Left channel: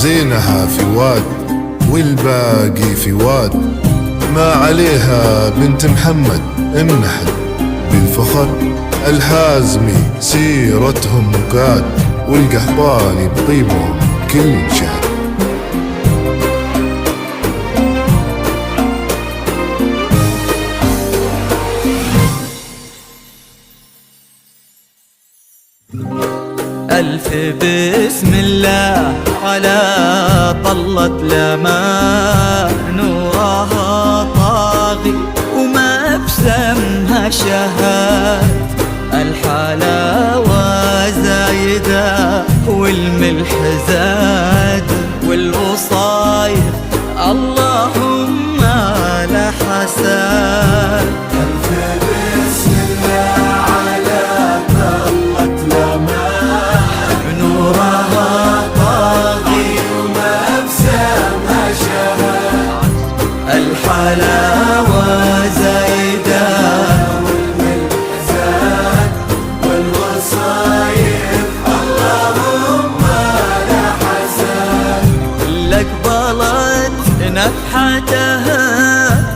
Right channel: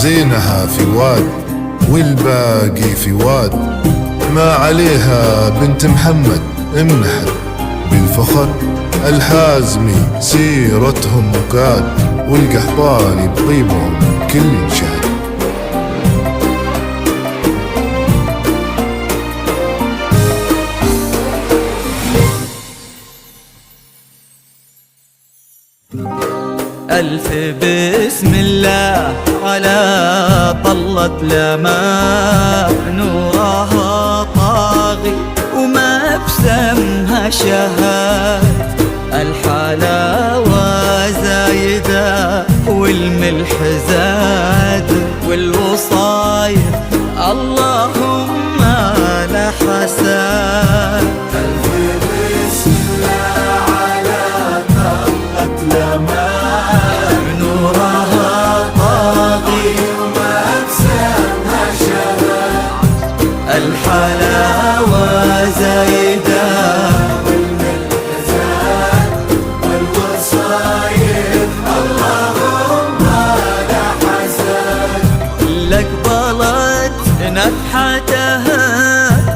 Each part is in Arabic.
زينها في واد والباقي في واد، ما عليها بنت محمد امنحت بالفخر. الحازمي سيرتهم مكاد، والقحطاني بطيبهم كل شهد. ألف بسم الله على طلة لما نورها طاغي وما بسمها شهاد. الحلاوة زايدة والملح زاد والوصايف اللهم لا حساد. ألف بسم الله على طلة لما نورها طاغي وما بسمها شهاد. الحلاوة زايدة والوصايف اللهم لا حساد. لك بلت نفحتها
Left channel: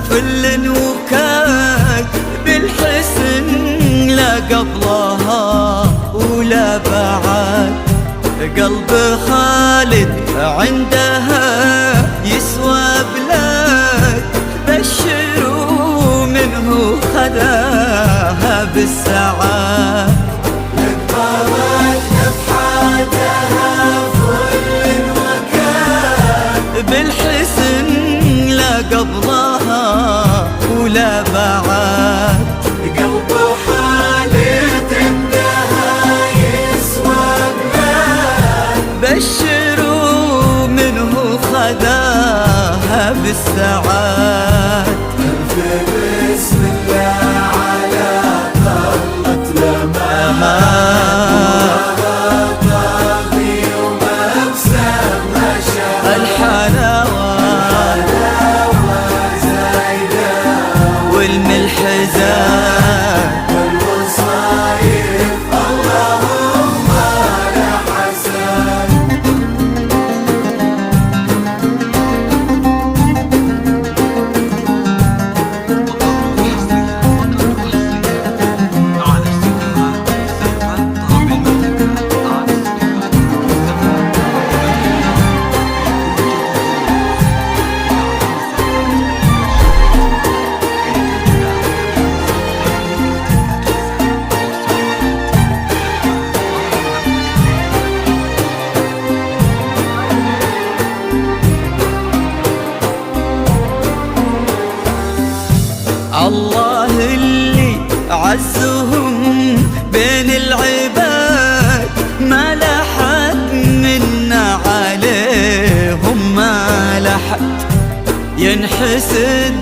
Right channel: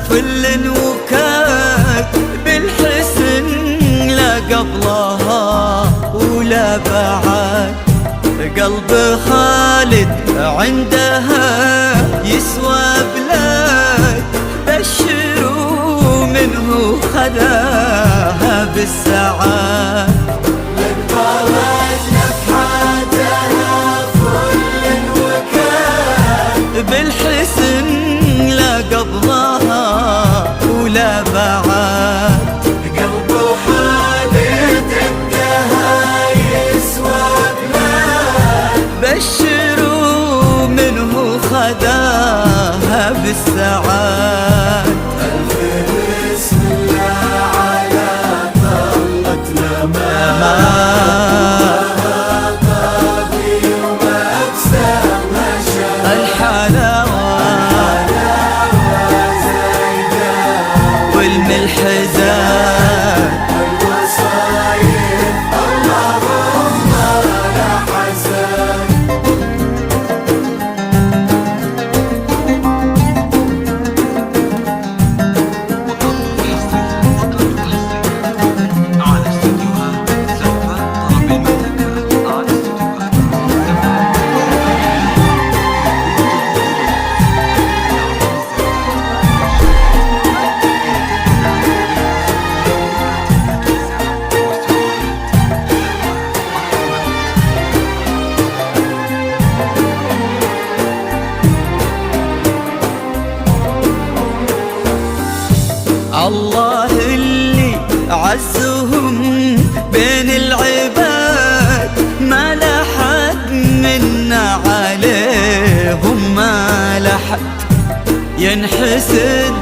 فل وكاد بالحسن لا قبلها ولا بعد. قلب خالد عندها يسوى بلاد، بشروا منه خذاها بالسعاد. بالحسن لا قبلها ولا بعد. قلب خالد عندها يسوى بلاد، بشروا منه خذاها بالسعاد. بسم الله على طلة لما الحلاوة والملح زاد والوصايف اللهم لا حساد. على استديوهات زفة طرب المملكة. على استديوهات زفة طرب الله اللي عزهم بين العباد، ما لحد منا عليهم ما لحد. ينحسد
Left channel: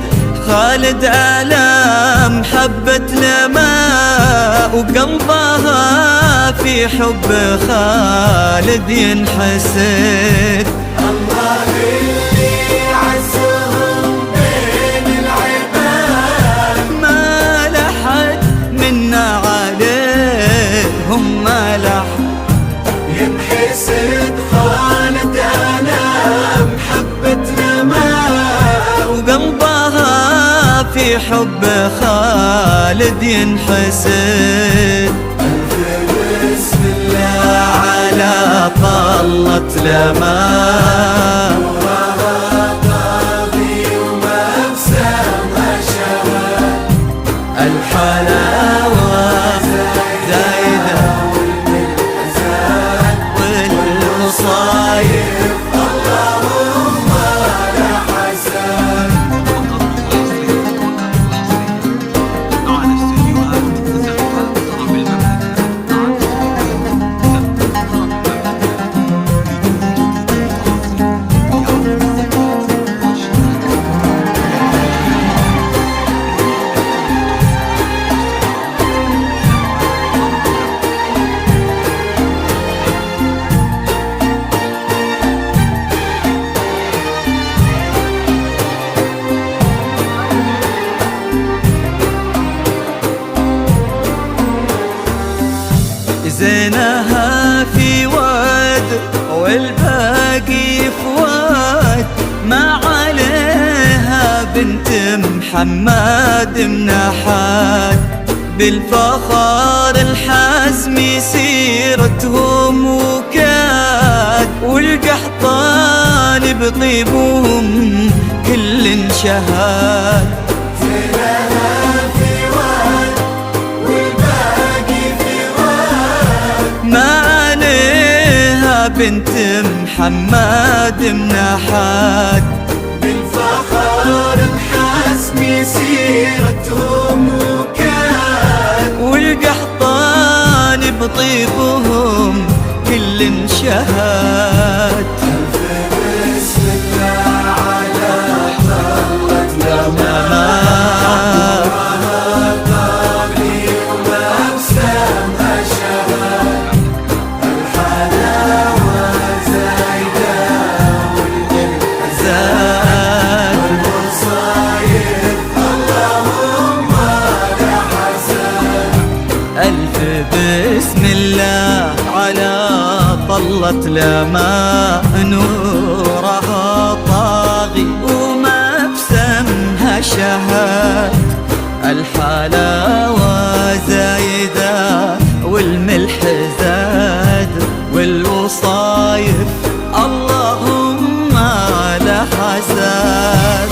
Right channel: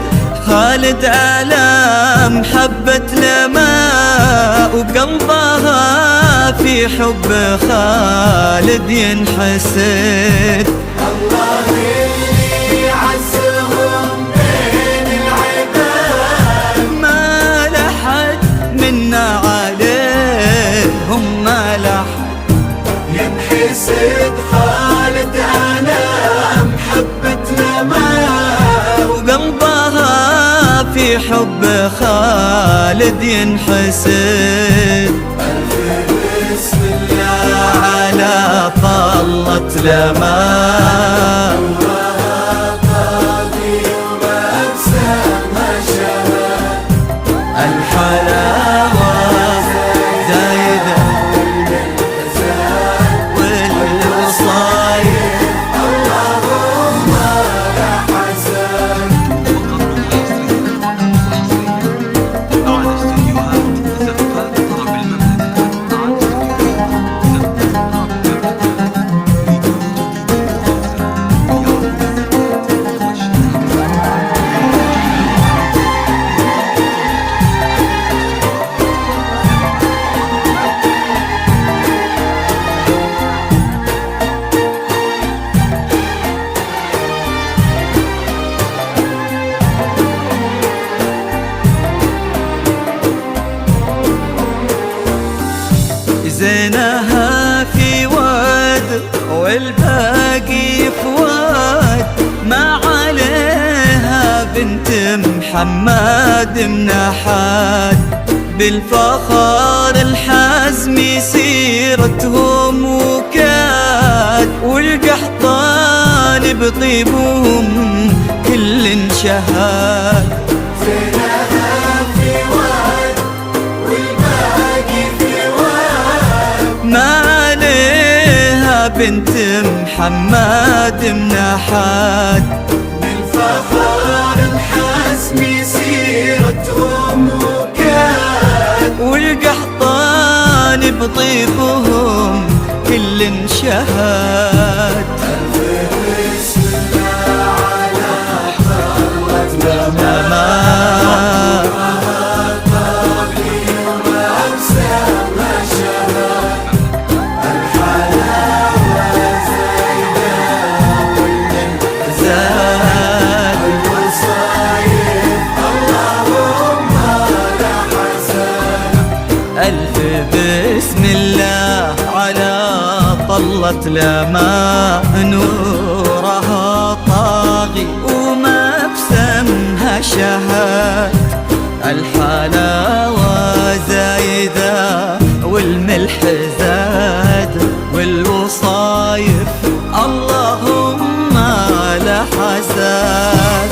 خالد على محبة لما وقلبها في حب خالد ينحسد. الله اللي عزهم بين العباد، ما لحد منا عليهم ما لحد. ينحسد خالد على محبة لما وقلبها في حب خالد ينحسد. بسم الله على طلة لما وما بسمها شهاد. الحلاوة زايدة والوصايف اللهم لا حساد. وقبل حصريا على استديوهات زفة طرب المملكة. على استديوهات زفة طرب المملكة لكل جديد وحصري بعرض الزفات واشتراك. زينها في واد والباقي فواد، ما عليها بنت محمد من أحد. بالفخر الحزم سيرتهم وكاد، والقحطان بطيبهم كل شهاد. ما عليها بنت محمد من أحد. بالفخر الحزم سيرتهم وكاد، والقحطان بطيبهم كل شهاد. ألف بسم الله على طلة لما نورها طاغي وما بسمها شهاد. الحلاوة زايدة والملح زاد، والوصايف اللهم لا حساد.